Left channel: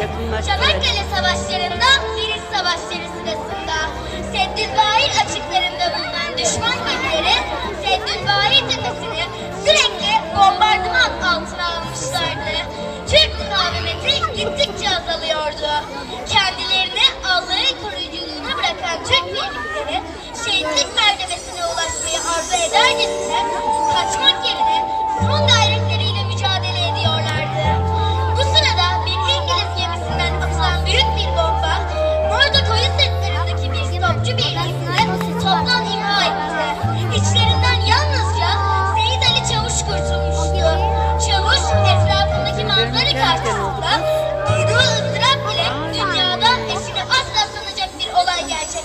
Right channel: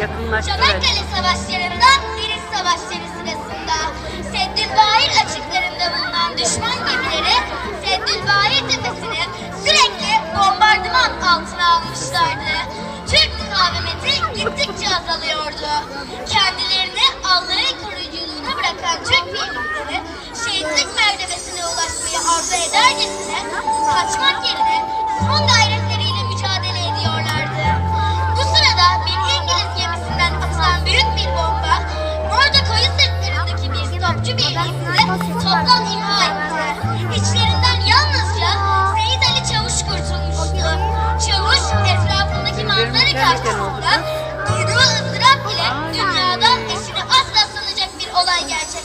Yakınlaştır. Çanakkale Savaşları'nda Birinci Savaşları sırasında Seddülbahir açıklarında bulunan düşman gemileri Seddülbahir tepesini sürekli bombardıman altına almışlardı. Türk mukavemeti gittikçe azalıyordu. Kendilerini Allah'ın koruyuculuğuna bırakan Türk birlikleri şehitlik mertebesine ulaşmayı arzu edercesine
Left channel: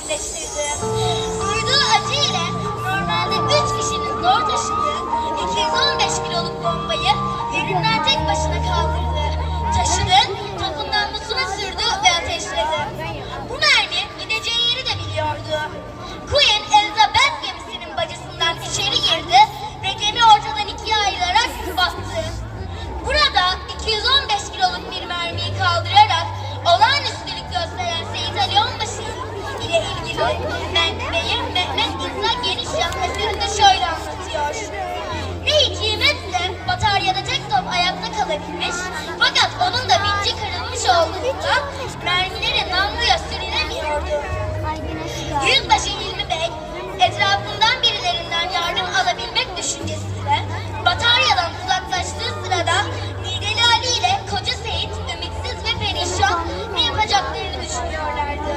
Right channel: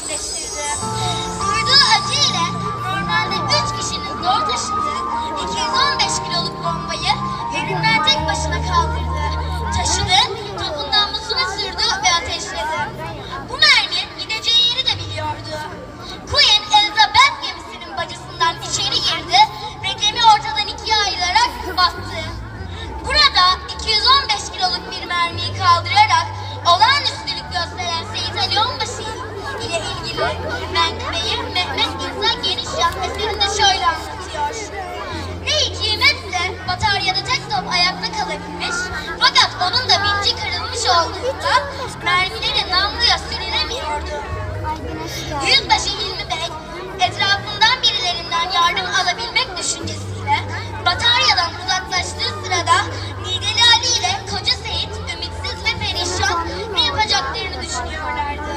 gerçekleştirdi. Duyduğu acı ile normalde üç kişinin zor menbeyi Mehmet İsa Genişyan eserinde şöyle anlatıyor. Ne hikmetse bataryada tek top ayakta kalabilmiş fakat onun da binci kırılmış olduğundan mermileri namluya sürülemiyordu. Yüzbaşı Hilmi Bey etrafından birilerinden yardım alabilmek düşüncesiyle bataryadan uzaklaştığı sırada Nideli Ali ile Koca Seyit ümitsiz perişan ne yapacaklarını düşünüyorlardı.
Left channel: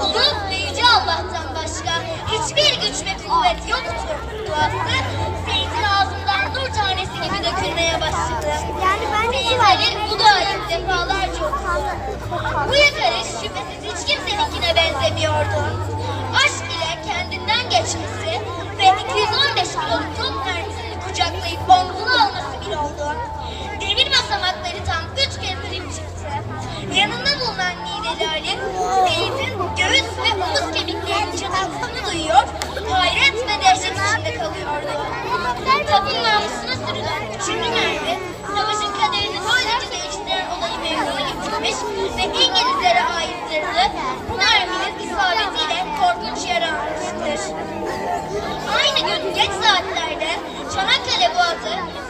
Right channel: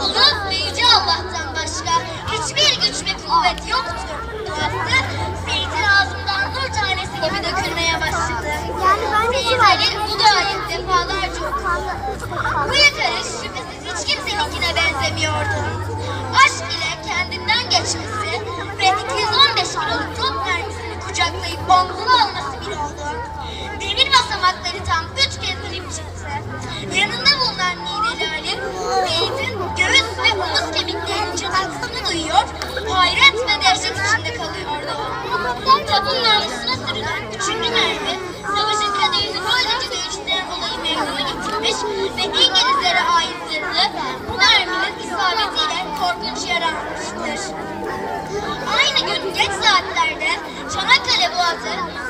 Onun kuvvet yoktu. Duası Seyit'in ağzından nur tanesi gibi dökülmeye başladı. Yani ben de bu duayı defalarca okudu. Bu yakarış şüphesiz hiç kimseninkine benzemiyordu. Aşk ile kendinden geçmesi ve 215 kiloluk top mermisini kucaklayıp omzuna alması bir oldu. Demir basamakları tam üç kez inip çıktı. Yanında bulunan Nideli Ali, Seyit'in göğüs ve omuz kemiklerinin çatırtısını duyuyor, hayret dehşet içinde kalıyordu. Topun namusuna sürülen üçüncü mermi, savaşın kaderini böylece değiştiren olayı meydana getirmiş ve İngilizlere ait zırhlı bu merminin isabetiyle korkunç yara. Aynı gün geç saatlerde Çanakkale Boğazı